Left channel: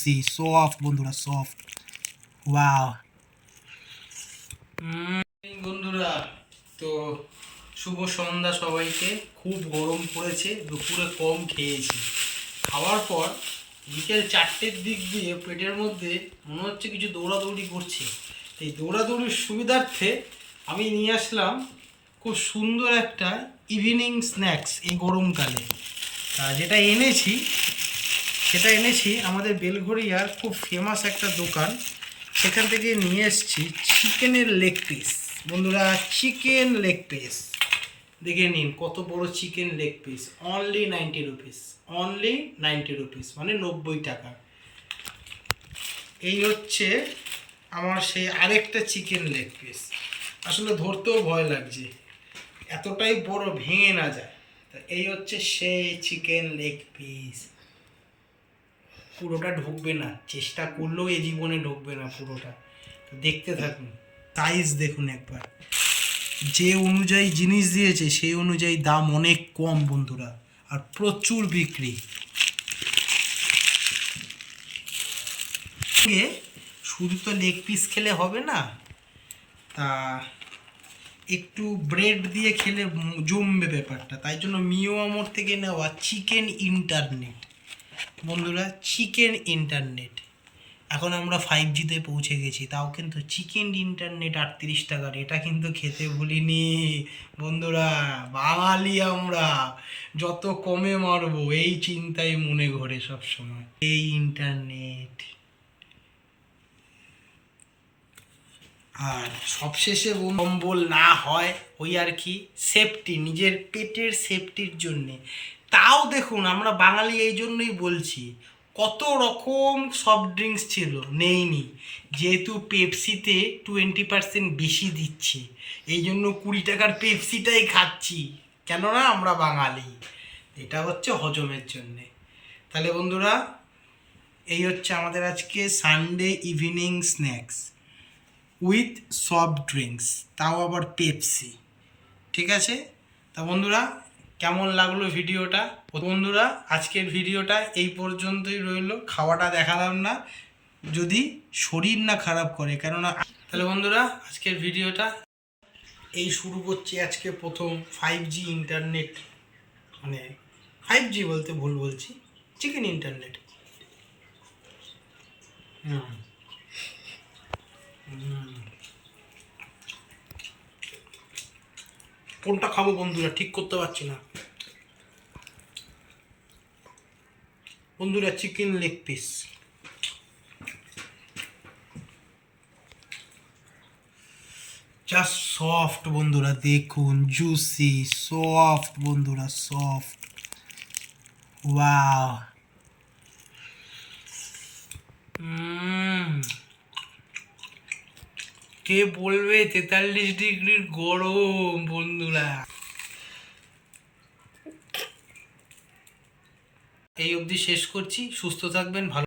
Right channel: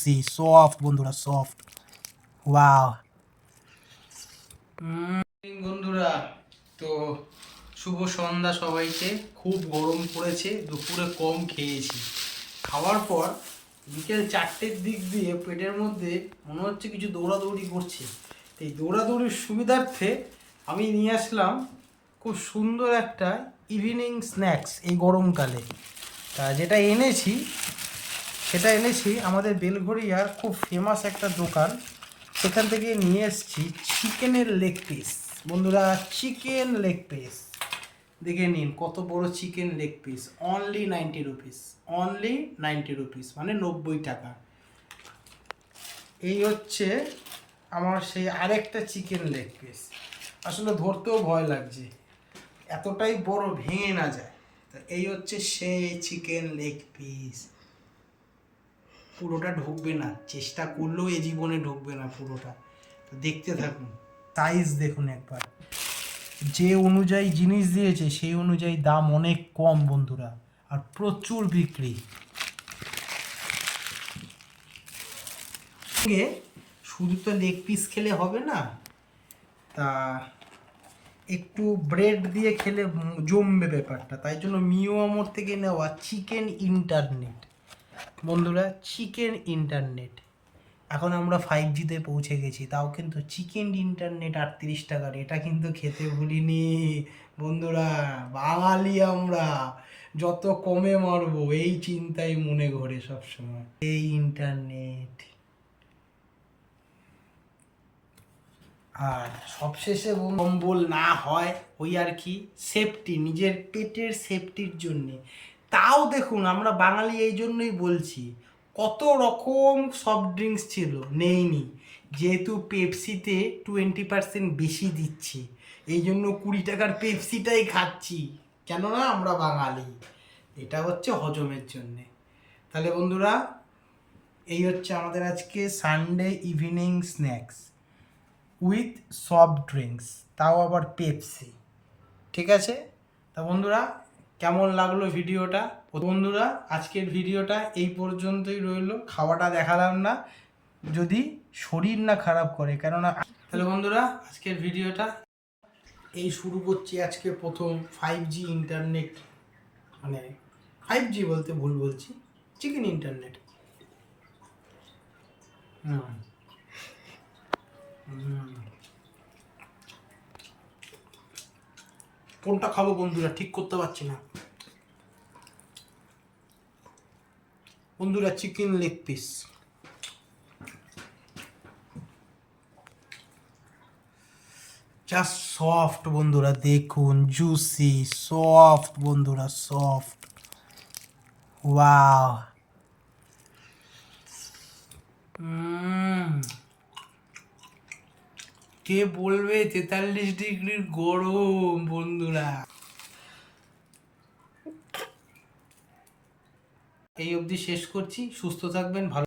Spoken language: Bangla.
জুসি সফট বন্ধুরা, সফট। ওয়াও বন্ধুরা, তো শুভ সন্ধ্যা সবাইকে। খুব গরম পড়েছে, দুপুরে কম খেয়েছি। খাওয়ার পর বিকেল 4টের দিক দিয়ে পেটের মধ্যে মনে হচ্ছে কিছু দৌড়াদৌড়ি করছে। এই দৌড়াদৌড়ির সুবিধার্থে আমি নিয়ে আসলাম খুব সুন্দর একটা ইভিনিং স্ন্যাক্স এই গরমকালে। তা যেটা এনেছি আমাদের বেলঘড়িয়ার খুব ফেমাস একটা দোকান, সেখান থেকে নিয়ে এসেছি চিকেনের লেগ পিস। বন্ধুরা, চিকেন লেগ পিস দেখে নিন, কত বড় chicken leg piece. Only 90 rupees, only 90 rupees, মানে 90 টাকা। এই হচ্ছে আমার সেই আরেকটা চিকেন লেগ পিস। আসলে ধরতেও ভয় লাগছে, এতটাই বড়, ভেঙে না যায়। তা এই হচ্ছে সেই চিকেন লেগ পিস। পুরোটা ঢুকবে না, চেষ্টা করলেও এ জীবনে ঢুকবে না পুরোটা। তো দেখতে থাকুন, সাইজ দেখুন একবার। যে অনুযায়ী জিনিস দিয়েছে সেই অনুযায়ী দাম অনেক কম বন্ধুরা, আর প্রচুর বিক্রি। শুধু তো লেগ পিস খেলে হবে না, তা একটু ব্রেড দিয়ে খেলে জমবে ব্যাপারটা। তাই জন্য মিও আমর থেকে নেওয়া চিকেন ইন্টারনেট বন্ধুরা, চিকেন ইন্টারনেট। এখন আমরা 5Gতে পৌঁছে গেছি, তাও কিন্তু চিকেন ইন্টারনেট 38 টাকার। এটা কিন্তু খেতে ভুলিনি বন্ধুরা, বাঙালি আমরা, যত কমে মারবো এই চিন্তাই মনে ঘোরে সবসময়। এই ইন্টারনেট। আর সবশেষে কম্বল না হয় ওই আর কি, সেফটি, নিজের পেটের সেফটির জন্যে। তাও দেখুন, আমরা বাঙালি এই জন্যই বলছি, কত রকম সফট ড্রিঙ্কস ছিল, নেইনি, যেহেতু পেপসিতে 20% বেশি দিচ্ছে, এই জন্য 20 টাকার পেপসিটাই খাচ্ছি, কেননা আমরা বাঙালি। এটা হচ্ছে হজমের জন্যে। তাহলে বন্ধুরা, এই হচ্ছে আমাদের আজকে Sunday evening snacks with soft drinks, তাও আবার পেপসি। ঠিক আছে? তা বন্ধুরা, কেমন লাগলো ভিডিওটা? বন্ধুরা, আজকের ভিডিওটা এই পর্যন্তই রইল। খাওয়াটা দেখালাম না, যদি শরীর না খারাপ করে, কেননা। তাহলে বন্ধুরা, আজকের ভিডিওটা এই শুরু করছি। আজকে প্রথম 5G ইন্টারনেট, মানে 5G বলতে ভুল বলছি, চিকেন ইন্টারনেট। কোনটা খাবো বন্ধুরা ঠিক করতে পারছি না। বন্ধুরা, chicken leg piece, just soft বন্ধুরা, দেখুন, জুসি, সফট বন্ধুরা, সফট। ওয়াও। কে বলবে 43 ডিগ্রির গরম বন্ধুরা। এই অবধি শেষ করছি। সুস্থ থাকবেন, ভালো।